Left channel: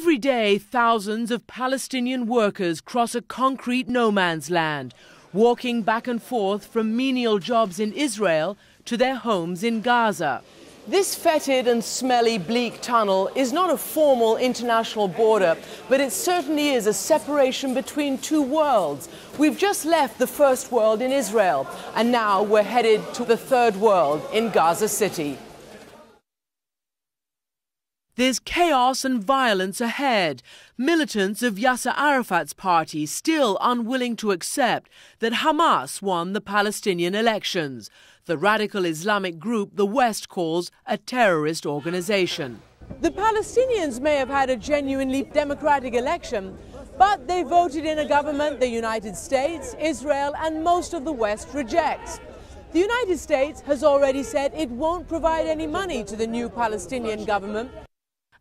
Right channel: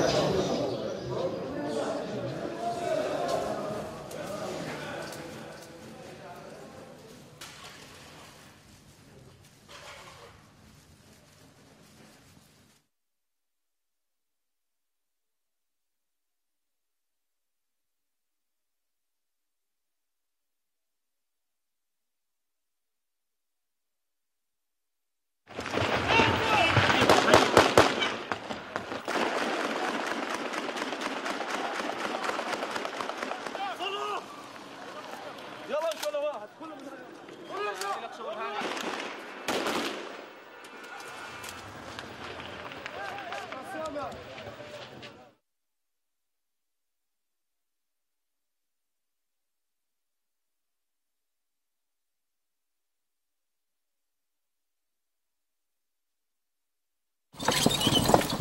Every day, thousands of Palestinian workers cross a concrete no man's land, walking back and forth from menial jobs in Israel to their homes in Gaza. This fetid and smelly, bleak tunnel is not a formal international border, but it certainly is a separation between two worlds. We've just left the first world in Israel, and now we're headed to the third world in Gaza City. There's chaos and violence ahead. Militants of Yasser Arafat's party still unwilling to accept that Hamas won the Palestinian elections, the radical Islamic group the West calls a terrorist organization. The Palestinians may have had a genuinely democratic election, but they voted in a government the United States, Israel, and most of the West rejects. The United States has already said it won't provide any money to the new Palestinian government,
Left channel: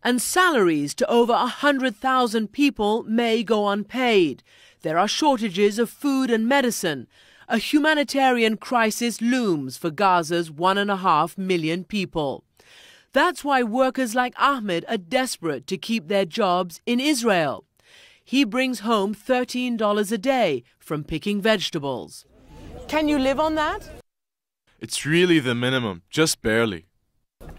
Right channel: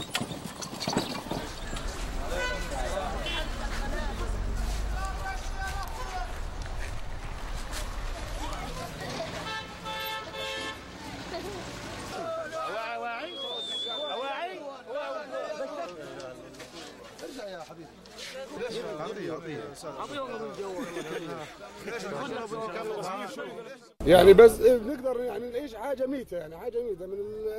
and salaries to over 100,000 people may go unpaid. There are shortages of food and medicine. A humanitarian crisis looms for Gaza's 1.5 million people. That's why workers like Ahmed are desperate to keep their jobs in Israel. He brings home $13 a day from picking vegetables. Can you live on that? It's really the minimum, just barely.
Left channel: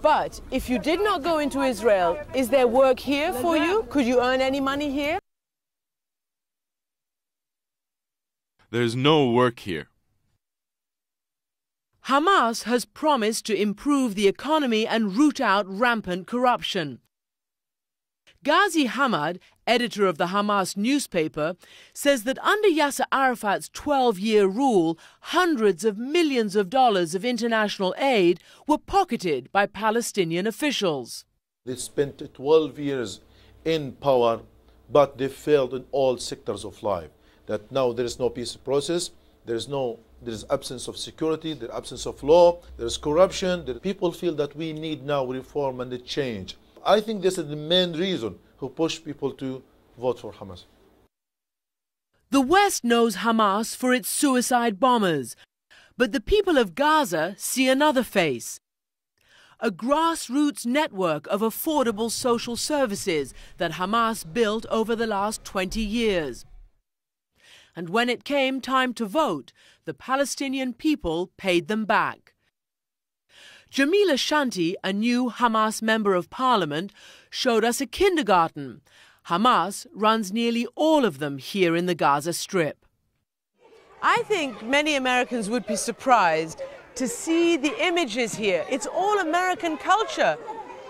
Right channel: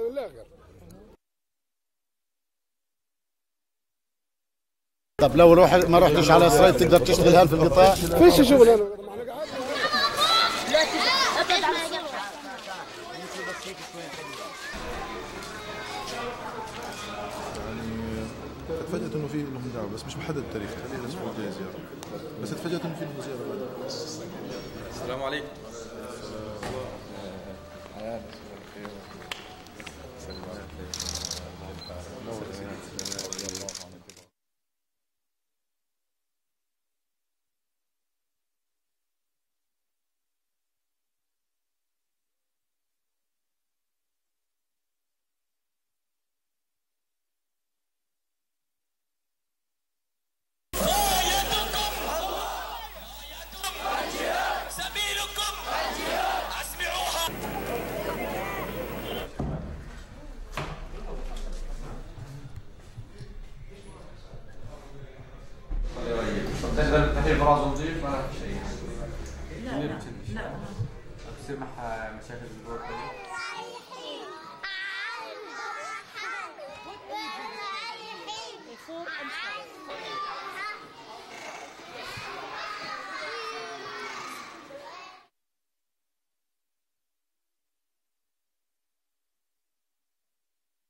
But if you did not go into Israel, is there work here for you? Could you earn any money here? There's no work here. Hamas has promised to improve the economy and root out rampant corruption. Ghazi Hamad, editor of the Hamas newspaper, says that under Yasser Arafat's 12-year rule, hundreds of millions of dollars of international aid were pocketed by Palestinian officials. They spent 12 years in power, but they failed in all sectors of life. That now there is no peace process, there is absence of security, there is absence of law, there is corruption. The people feel that we need now reform and a change. I think this is the main reason who pushed people to vote for Hamas. The West knows Hamas for its suicide bombers, but the people of Gaza see another face. A grassroots network of affordable social services that Hamas built over the last 20 years. When it came time to vote, the Palestinian people paid them back. Jamila Shanti, a new Hamas member of parliament, showed us a kindergarten. Hamas runs nearly all of them here in the Gaza Strip. I think many Americans would be surprised to see the images here. It's all American culture.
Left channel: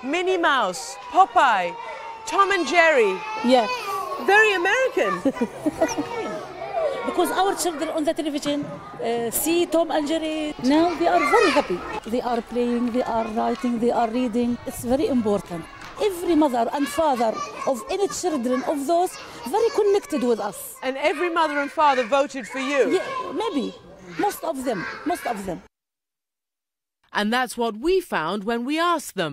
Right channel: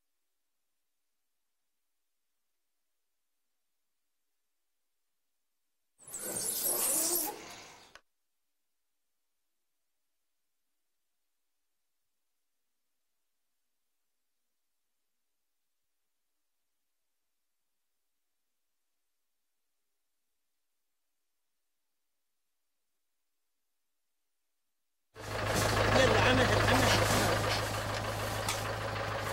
Minnie Mouse, Popeye, Tom and Jerry. Yeah. Very American. Because our children on the television see Tom and Jerry. Now they are very happy. They are playing, they are writing, they are reading. It's very important. Every mother and father of any children of those very connected with us. And every mother and father voted for you? Yeah, maybe. Most of them. And that's what we found when we asked them.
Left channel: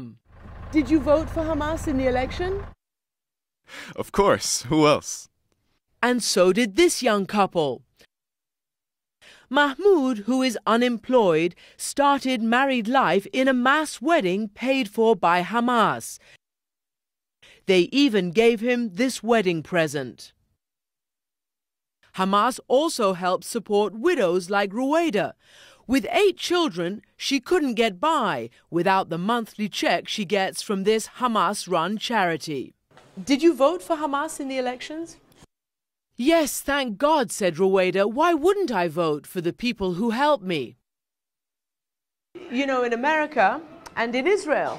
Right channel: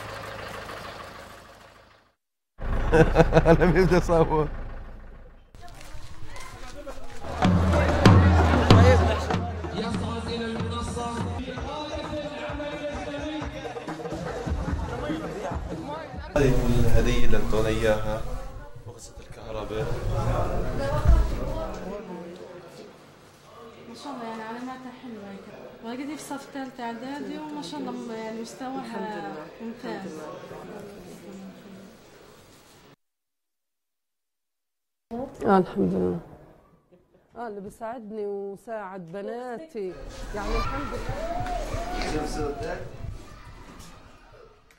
Did you vote for Hamas in the election? Of course, who else? And so did this young couple. Mahmoud, who is unemployed, started married life in a mass wedding paid for by Hamas. They even gave him this wedding present. Hamas also helps support widows like Ruwaida. With 8 children, she couldn't get by without the monthly check she gets from this Hamas-run charity. Did you vote for Hamas in the elections? Yes, thank God, said Ruwaida. Why wouldn't I vote for the people who helped me? You know, in America and in Israel,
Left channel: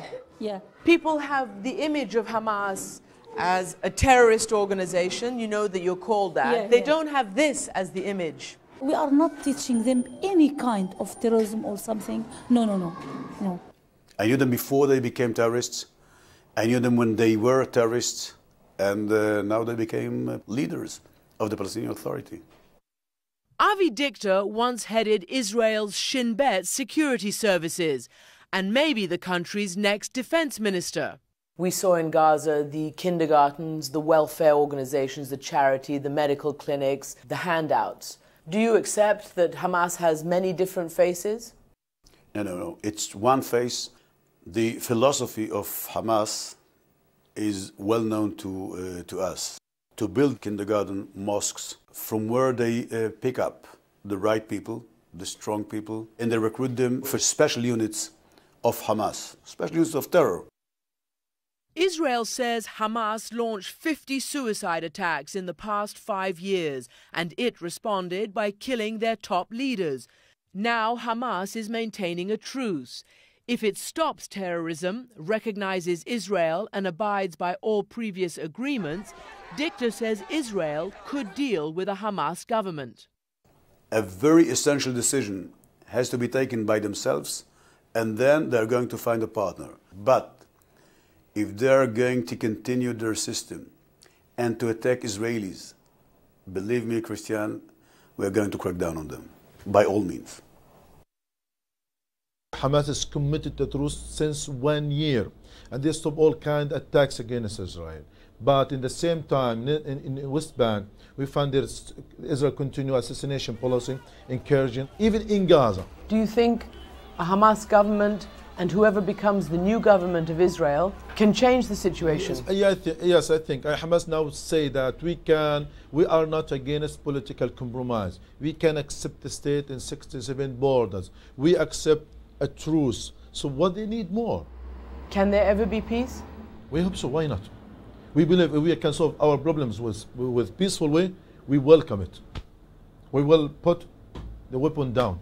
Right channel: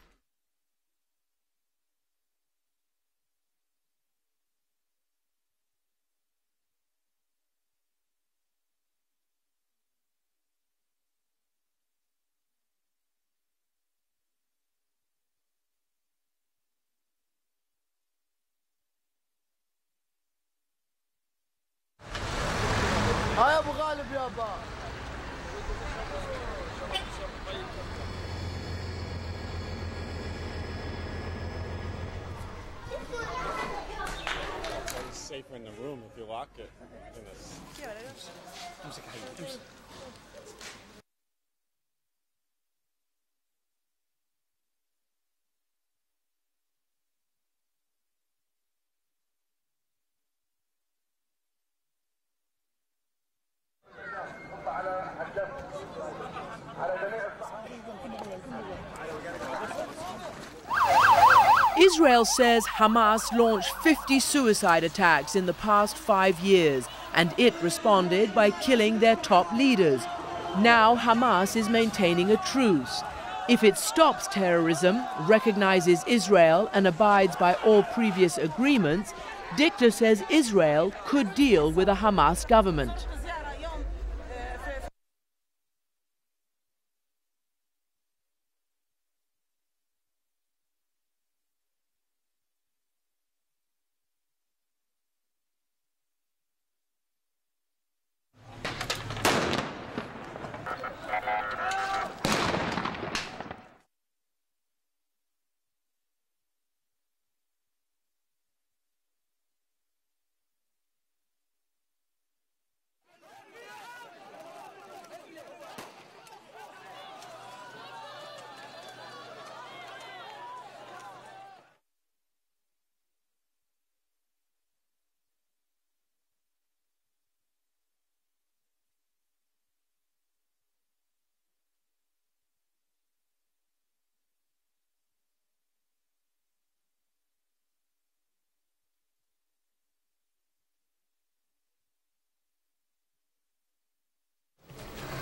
people have the image of Hamas as a terrorist organization. You know that you're called that. They don't have this as the image. We are not teaching them any kind of terrorism or something. No. I knew them before they became terrorists. I knew them when they were terrorists, and now they became leaders of the Palestinian Authority. Avi Dichter once headed Israel's Shin Bet security services, and maybe the country's next defense minister. We saw in Gaza the kindergartens, the welfare organizations, the charity, the medical clinics, the handouts. Do you accept that Hamas has many different faces? No. It's one face. The philosophy of Hamas is well known to us. To build kindergarten mosques from where they pick up the right people, the strong people, and they recruit them for special units of Hamas, special units of terror. Israel says Hamas launched 50 suicide attacks in the past 5 years, and it responded by killing their top leaders. Now Hamas is maintaining a truce. If it stops terrorism, recognizes Israel and abides by all previous agreements, Dictor says Israel could deal with a Hamas government. A very essential decision has to be taken by themselves, and then they're going to find a partner. But if they're going to continue their system and to attack Israelis, believe me, Christian, we're going to crack down on them, by all means. Hamas is committed to truce since 1 year, and they stop all kind of attacks against Israel. But in the same time, in the West Bank, we find that Israel continue assassination policy, encouraging, even in Gaza. Do you think a Hamas government and whoever becomes the new government of Israel can change the situation? Yes, I think Hamas now say that we are not against political compromise. We can accept the state in 67 borders. We accept a truce. So what they need more? Can there ever be peace? We hope so. Why not? We believe if we can solve our problems with peaceful way, we welcome it. We will put the weapon down.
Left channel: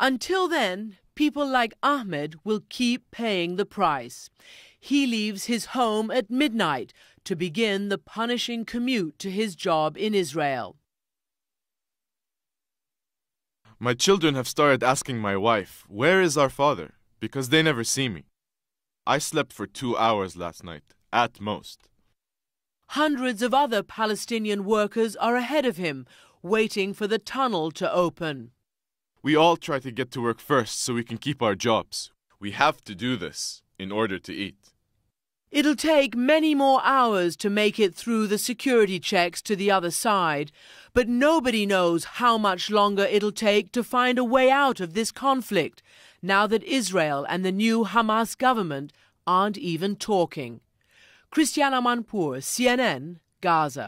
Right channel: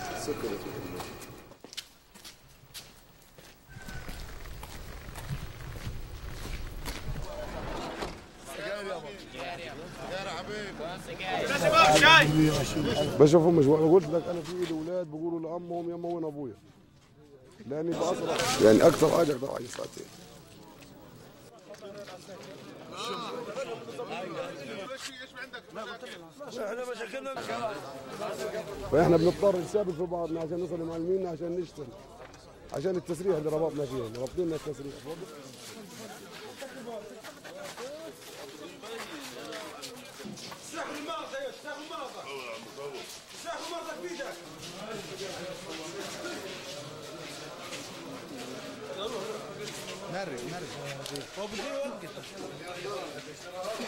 Until then, people like Ahmed will keep paying the price. He leaves his home at midnight to begin the punishing commute to his job in Israel. My children have started asking my wife, where is our father? Because they never see me. I slept for 2 hours last night, at most. Hundreds of other Palestinian workers are ahead of him, waiting for the tunnel to open. We all try to get to work first so we can keep our jobs. We have to do this in order to eat. It'll take many more hours to make it through the security checks to the other side, but nobody knows how much longer it'll take to find a way out of this conflict, now that Israel and the new Hamas government aren't even talking. Christian Amanpour, CNN, Gaza.